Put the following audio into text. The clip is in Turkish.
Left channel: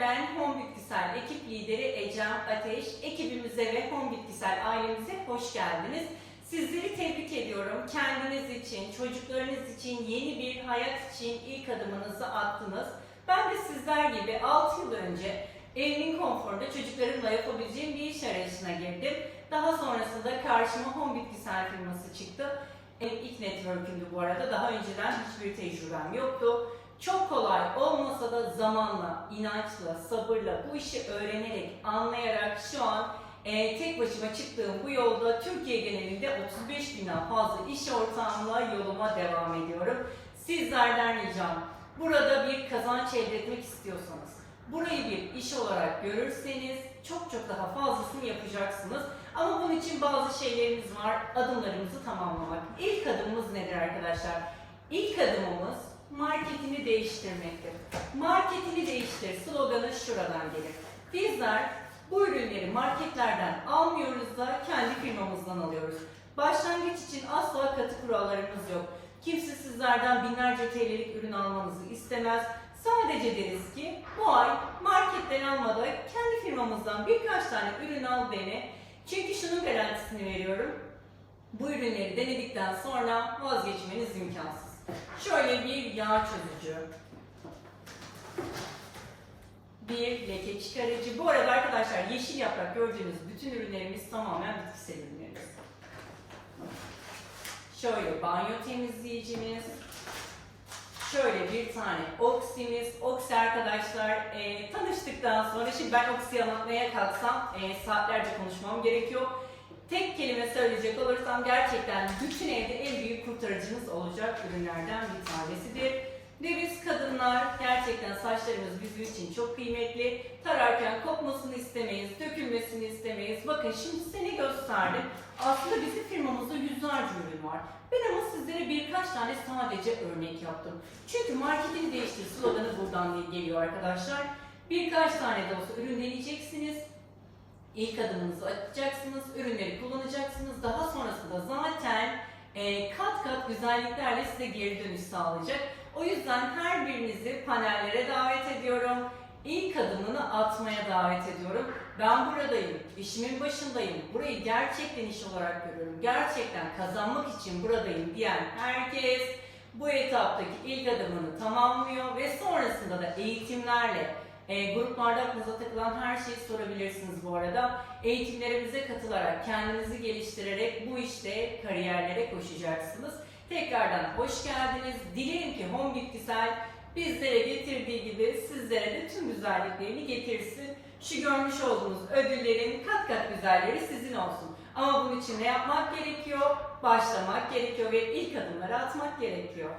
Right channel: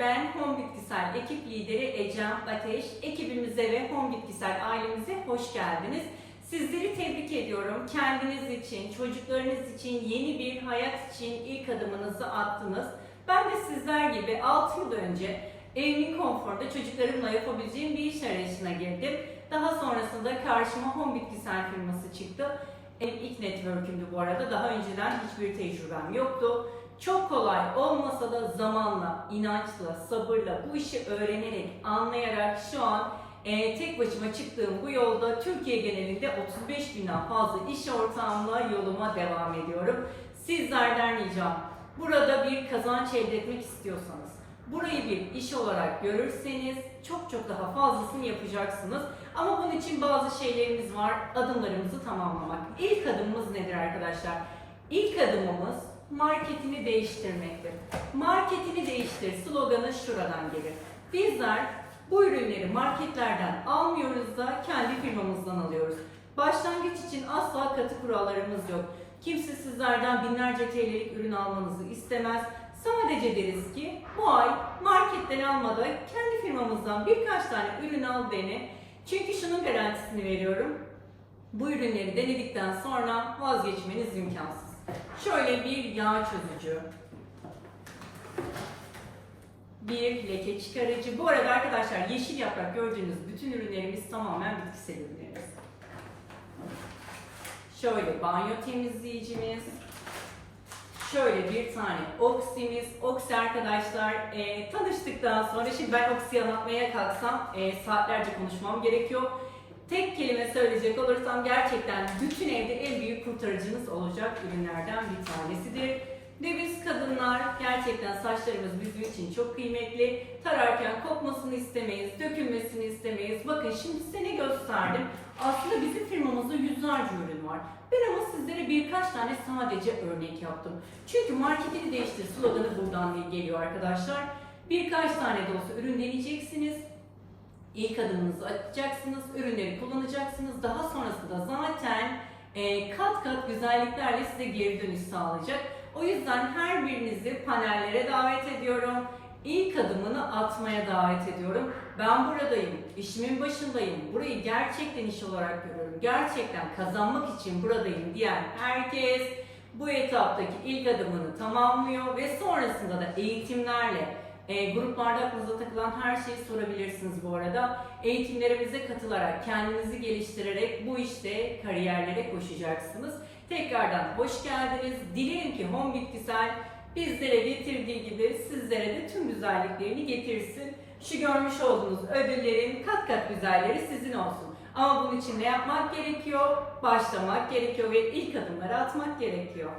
ben Home Bitkisel ekip lideri Ecem Ateş. Ekibimize ve Home Bitkisel ailemize hoş geldiniz. Sizleri tebrik ediyorum. Kendiniz için, çocuklarınız için, yeni bir hayat için ilk adımınızı attınız. Ben de sizler gibi 6 yıl önce evimin konforunda çocuklarımla yapabileceğim bir iş arayışına girdim. Daha sonrasında karşıma Home Bitkisel firması çıktı. Benim ilk network'ümdü bu arada. Daha önceden hiçbir tecrübem yoktu. Çok kolay olmasa da zamanla, inançla, sabırla bu işi öğrenerek, anlayarak şu an e, tek başıma çıktığım bu yolda Türkiye genelinde 35 binden fazla iş ortağımla yoluma devam ediyorum. Sizlerden ricam burada bir kazanç elde etmek istiyorsanız, burayı bir iş olarak görürseniz çok çok daha fazlasını yapacaksınız. Ama bunun için bazı şeylerimiz var. Adımlarımızı tamamlamak. İlk adımımız nedir arkadaşlar? İlk adımımız marketini değiştirmektir. Marketini değiştir sloganı şuradan gelir. Bizler bu ürünleri marketlerden almıyoruz da kendi firmamızdan alıyoruz. Başlangıç için asla katı kurallarımız yok. Kimse sizlerden binlerce TL'lik ürün almanızı istemez. Sadece deriz ki bu ay marketten almada kendi firmamızdan birkaç tane ürün al dene. Çünkü şunun garantisini veriyorum. Bu ürünleri denedikten sonra vazgeçmeniz imkansız. Şöyle bir yağ çözücü. Bir leke çıkarıcı. Bu arada arkadaşlar yeşil yaprak gördüğünüz bütün ürünlerimiz tamamen bitkisel ürünlerimiz. Şöyle banyo temizleyicimiz. Şöyle bir tane oksimiz. Oksi arkadaşlar e, tanıştıktan sonra şimdi ben oksiyi anlatmaya kalksam e, saatlerce konuşmam gerekiyor. Tek kelime söyleyecek olursam gerçekten bütün evde en büyük kurtarıcınız olacak ürünlerden bir tanesidir. Ve biz kadınlar gerçekten saçlarımız bizim için çok kıymetli. Tararken kopmasını istemeyiz, dökülmesini istemeyiz. Bakın şimdi size ne gösterdim? Aslında bizim firmamızda yüzlerce ürün var. Ben ama sizlere birkaç tane sadece örnek yaptım. Çünkü marketini değiştir sloganı buradan geliyor arkadaşlar. Birkaç tane de olsa ürün deneyeceksiniz. İlk adımınızı atacaksınız, ürünleri kullanacaksınız. Daha sonrasında zaten e, kat kat güzelliklerle size geri dönüş sağlayacak. O yüzden her birinizi panellere davet ediyorum. İlk adımını atmaya davet ediyorum. Ben buradayım, işimin başındayım. Burayı gerçekten iş olarak görüyorum. Gerçekten kazanmak için buradayım diyen herkes bu etaptaki ilk adımını tamamlıyor ve sonrasında da eğitimlerle e, gruplarda aklınıza takılan her şeyi sorabilirsiniz bu arada. Eğitimlerimize katılarak, kendinizi geliştirerek bu işte kariyerlere koşacaksınız. Tekrardan hoş geldiniz. Dilerim ki Home Bitkisel bizlere getirdiği gibi sizlere de tüm güzelliklerini getirsin. Şu görmüş olduğunuz ödüllerin kat kat güzelleri sizin olsun. Ama bunun için ne yapmak gerekiyor? Başlamak gerekiyor ve ilk adımları atmak gerekiyor.